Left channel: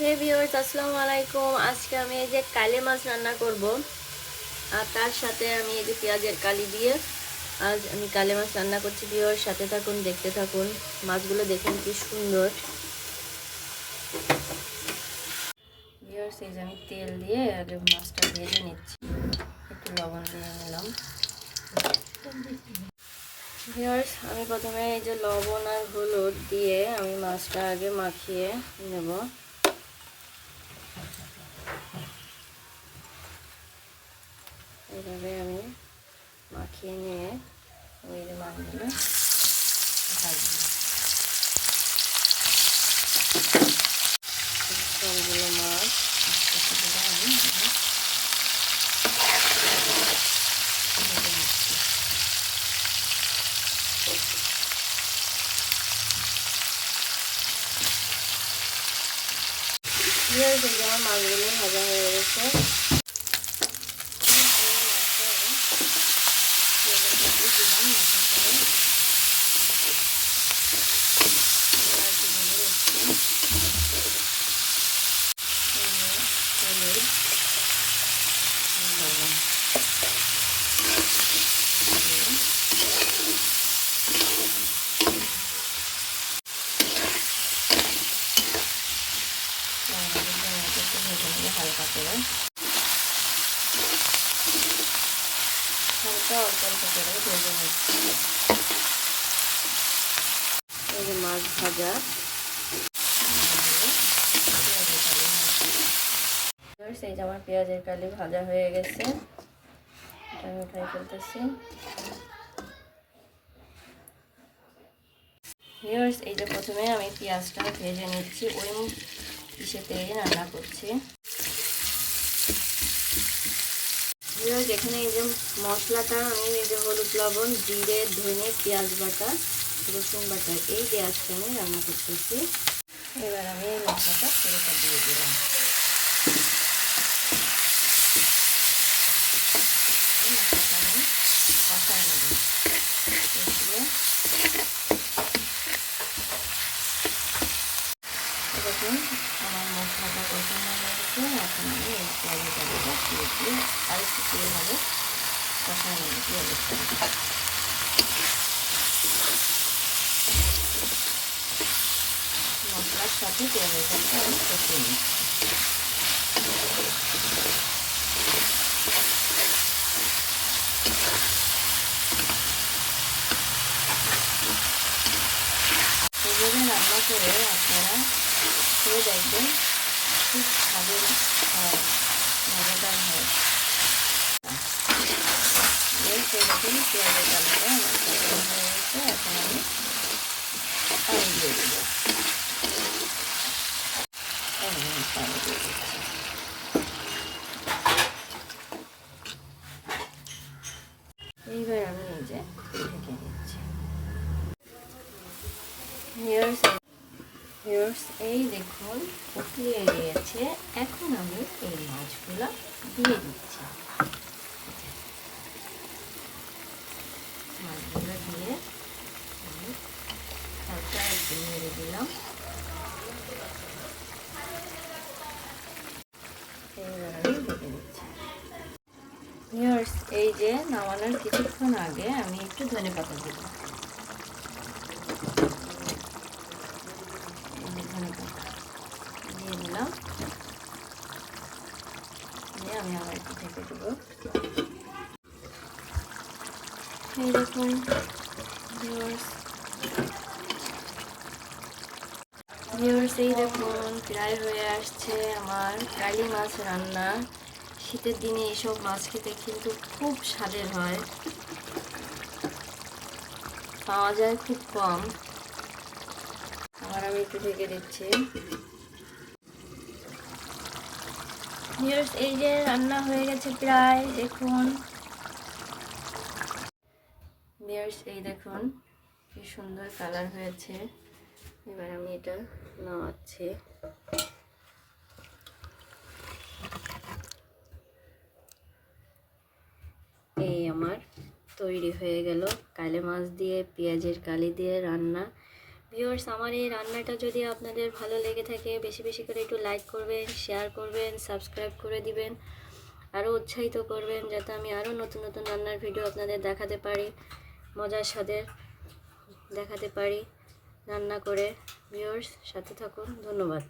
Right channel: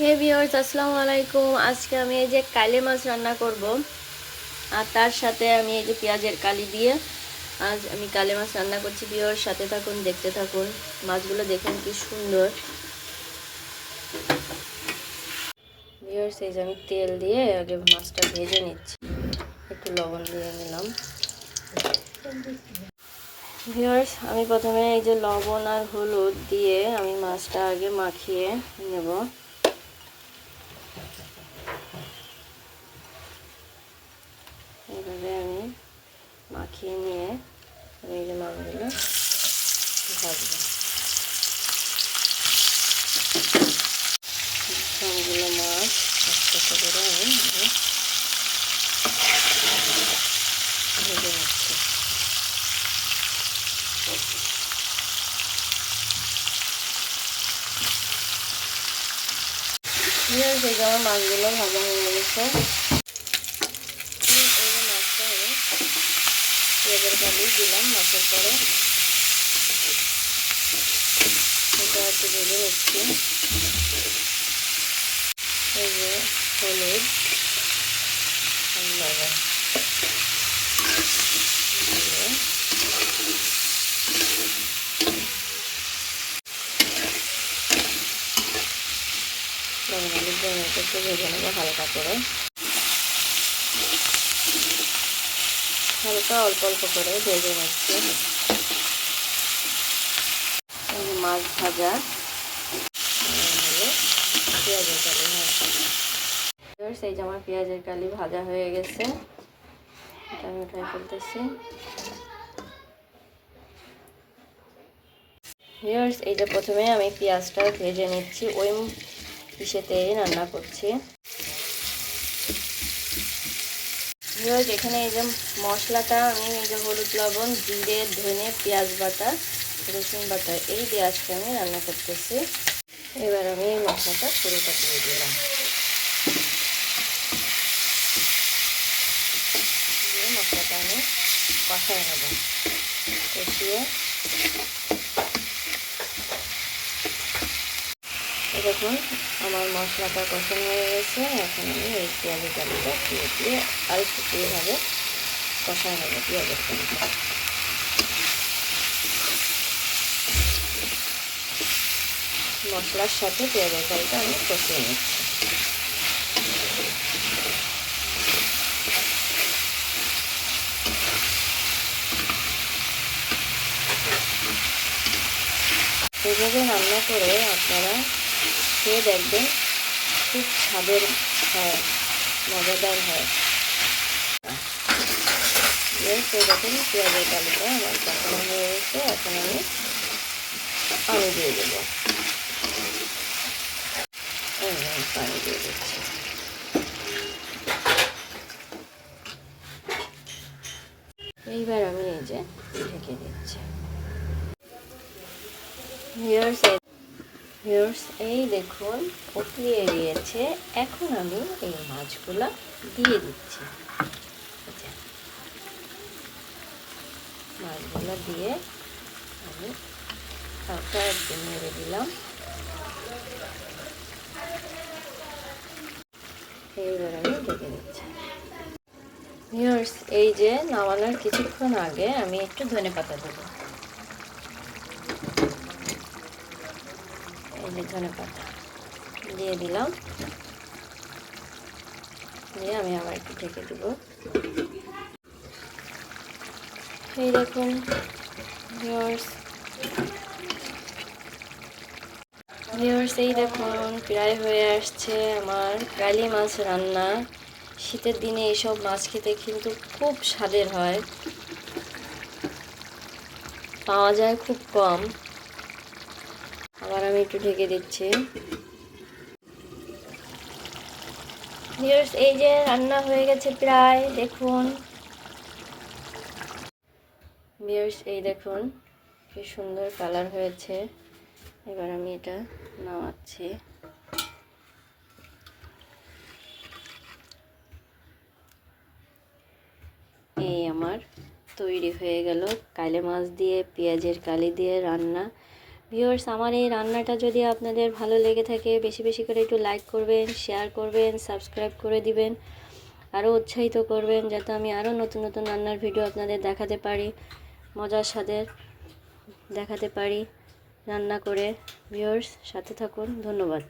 হে viewers, আসসালামু আলাইকুম। আজকে আমি এই যে কালি মাছ রান্না করব, আর তার সাথে আমি এই যে পেঁয়াজের কালি দিয়ে আজ আমি কালি মাছ রান্না করছি। ভিউয়ার্স, সাথে থাকুন, দেখতে থাকুন। মাছগুলো দেখুন কি সুন্দর। ভিউয়ার্স, এই যে আমি তেল দিয়ে আগে মাছটা ভেজে নিচ্ছি, একটু লবণ দিয়ে নিলাম। ভিউয়ার্স, আমি প্রথমে এই যে লবণ আর হলুদ দিয়ে আমি মাছটা আগে মাখিয়ে নেব। এইভাবে আমি মাখিয়ে নিয়ে এই যে মাছগুলো ভাজবো। সবগুলো মাছ আস্তে আস্তে করে আমি ভেজে নিচ্ছি। এই যে আমার মাছগুলো ভাজা হয়ে গেছে। মাছটা আমি পেঁয়াজের কালি দিলাম মাছের পরে, এটা একটু ভেজে নিচ্ছি। এই যে হলুদ লবণ হলুদ দিয়ে একটু ভেজে নেবো হালকা করে, হালকা অল্প অল্প করে ভেজে নিচ্ছি। মাছ ভাজা পেঁয়াজের কালি এই যে আমার পেঁয়াজের কালি ভাজা হয়ে গেছে, আমি উঠাই ফেলতেছি। ভিউয়ার্স, এই যে প্রথমে আমি পেঁয়াজটা ভেজে নিচ্ছি, ওই ইসেতেই রান্না করছি। ভিউয়ার্স, এখানে এই যে মশলাটা আমি এই যে হলুদ লবণ জিরে ধনে পেঁয়াজ বাটা রসুন বাটা এই দিয়ে আজকে আমি রান্না করতেছি। এবার আমি এই মশলাটা পুরোটা দিয়ে দিলাম। মশলাটা আমি কষায় নেব, কষিয়ে দেখুন আমার মশলাটা কষানো হয়ে গেছে। এখন আমি এই পেঁয়াজের কালিটা দিয়ে আর একটু ভাবে কষায় নেব। পেঁয়াজের কালিটা মশলার সাথে পেঁয়াজের কালিটা আমি কষিয়ে নিচ্ছি। এইভাবে রান্না করে আপনারা খেয়ে দেখবেন, খুব স্বাদের হয়, মজাদার হয়। দেখুন পেঁয়াজের কালিটা আমার কষানো হয়ে গেছে। এখন আমি পানি দিয়ে দেবো, পানি দিয়ে দিচ্ছি। এইবার আমি এই যে ঢেকে দিচ্ছি। ভিউয়ার্স, এই দেখুন ফুটিয়ে গিয়েছে। এখন আমি এই মাছগুলো দিয়ে দিচ্ছি। মাছগুলো দিয়ে আমি হালকা একটু নেড়ে দিলাম। এইবার আমি ঢেকে দিচ্ছি। ভিউয়ার্স, এই যে নামানোর কিছুক্ষণ আগে আমি একটু ধনেপাতা দেবো। ধনেপাতা দিয়ে দিলাম, দিয়ে আমি আবার একটু ঢেকে দেবো। এই দেখুন ভিউয়ার্স, এই দেখুন প্রায় হয়ে আসছে আমার কালি মাছ রান্না। শীতের দিনে এসব মাছ খেতে কিন্তু খুব স্বাদের হয়, পাওয়া যায় খুব কম। আবার আমি একটু ঢেকে দিচ্ছি। ভিউয়ার্স, এই যে রান্না হয়ে গেছে প্রায়, দেখুন। ভিউয়ার্স, এই দেখুন কি সুন্দর কালার হয়েছে। এবার আমি এটা নামাচ্ছি। এই আমার তৈরি হয়ে গেল কালি মাছ দিয়ে পেঁয়াজের কালি দিয়ে রান্না ভিউয়ার্স, আমার এই রান্নাটা যদি আপনাদের ভালো লেগে থাকে বেশি বেশি করে একটু লাইক করবেন, শেয়ার করবেন, সাবস্ক্রাইব করে দিবেন, আরও উৎসাহিত করবেন যাতে আমি আরও নতুন নতুন রান্নার ভিডিও আপনাদের দেখাতে পারি, মজার স্বাদের দেখাতে পারি রান্না করে। ভিউয়ার্স, সাথে থাকুন। ধন্যবাদ।